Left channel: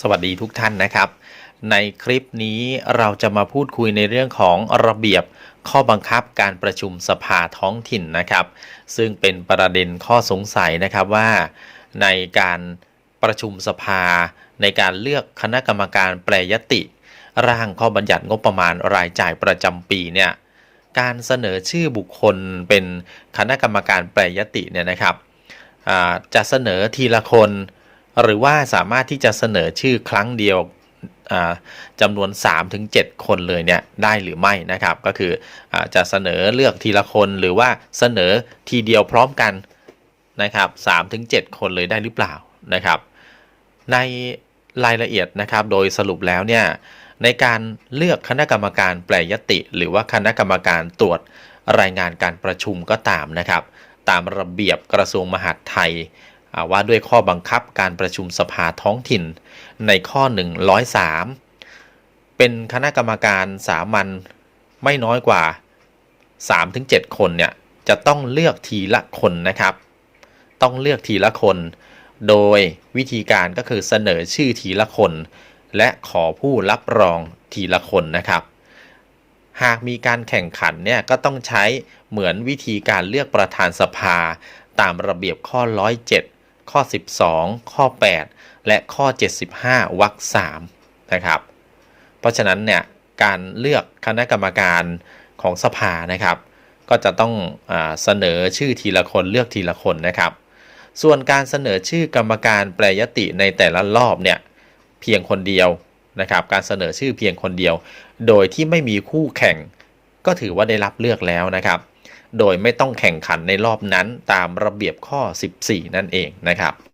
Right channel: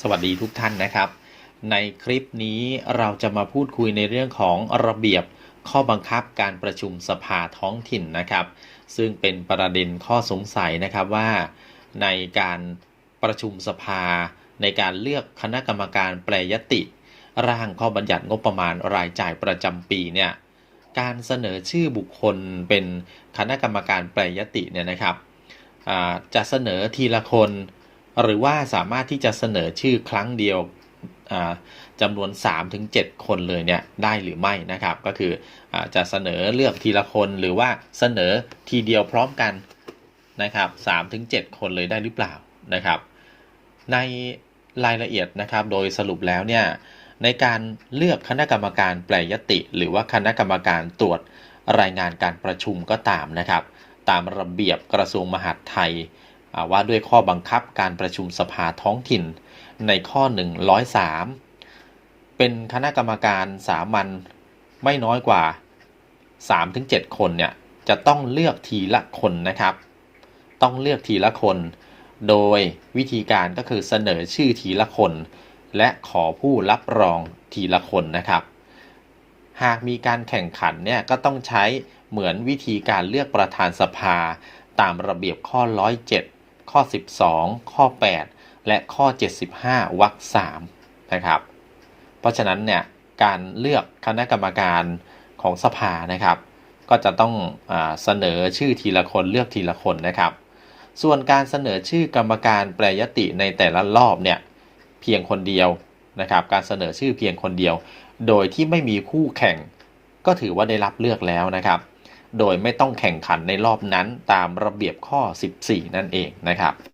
สวัสดีทุกท่านนะครับ ในคลิปนี้เราจะมาพูดคุยในเรื่องของระเบียบข้อบังคับการประชุมสภาท้องถิ่นนะครับ ซึ่งเป็นประเด็นข้อสงสัยนะครับว่า ในการประชุมสภา ในการเลือกคณะกรรมการแปรยติ ร่างข้อบัญญัติงบประมาณรายจ่ายประจำปีเนี่ยการเสนอชื่อบุคคลเป็นคณะกรรมการแปรยติเนี่ยนะครับจะเสนอทีละคน หรือว่าสามารถที่จะเสนอชื่อครั้งเดียวจำนวน 3-7 คนเลยเนี่ยได้หรือไม่นะครับ ก็คืออจะเสนอเลือกทีละคนหรือว่าเสนอทีเดียวพร้อมกันนะครับ3-7 คนเลยได้หรือเปล่านะครับ ในรายละเอียดนะครับโดยสรุปแล้วเนี่ยในการเลือกคณะกรรมการแปรยติ หรือว่าคณะกรรมการตรวจรายงานการประชุมก็ตามนะครับ ตามระเบียบกระทรวงมหาดไทย ว่าด้วยข้อบังคับการประชุมสภาท้องถิ่นในข้อ 103 เป็นคณะกรรมการสามัญไม่น้อยกว่า 3-7 คนเนี่ยจะต้องเลือกทีละคนนะครับ ต้องเลือกทีละคน โดยวิธีการก็คือเสนอชื่อทีละคน และขอผู้รับรองทีละคนนะครับ หากมีการแข่งขันเนี่ยก็ต้องใช้เหมือนวิธีการเลือกประธานสภาตามระเบียบข้อ 107 ข้อ 12 ข้อ 8 และข้อ 75วรรค3นะครับ เพราะฉะนั้นเนี่ยการเลือกคณะกรรมการของสภานะครับ ก็จะต้องอเสนอชื่อทีละคนเลือกทีละคนนะครับ ส่วนการเสนอชื่อกรรมการแปรยติในแต่ละรอบเนี่ยเพียงคนเดียวนะครับ การเสนอชื่อเพียงคนเดียว โดยที่ไม่มีคู่แข่ง ก็ถือว่าได้รับเลือกแล้วนะครับ โดยไม่ต้องแข่งขันในรอบนั้นตามระเบียบข้อ 14 นั่นเองนะครับ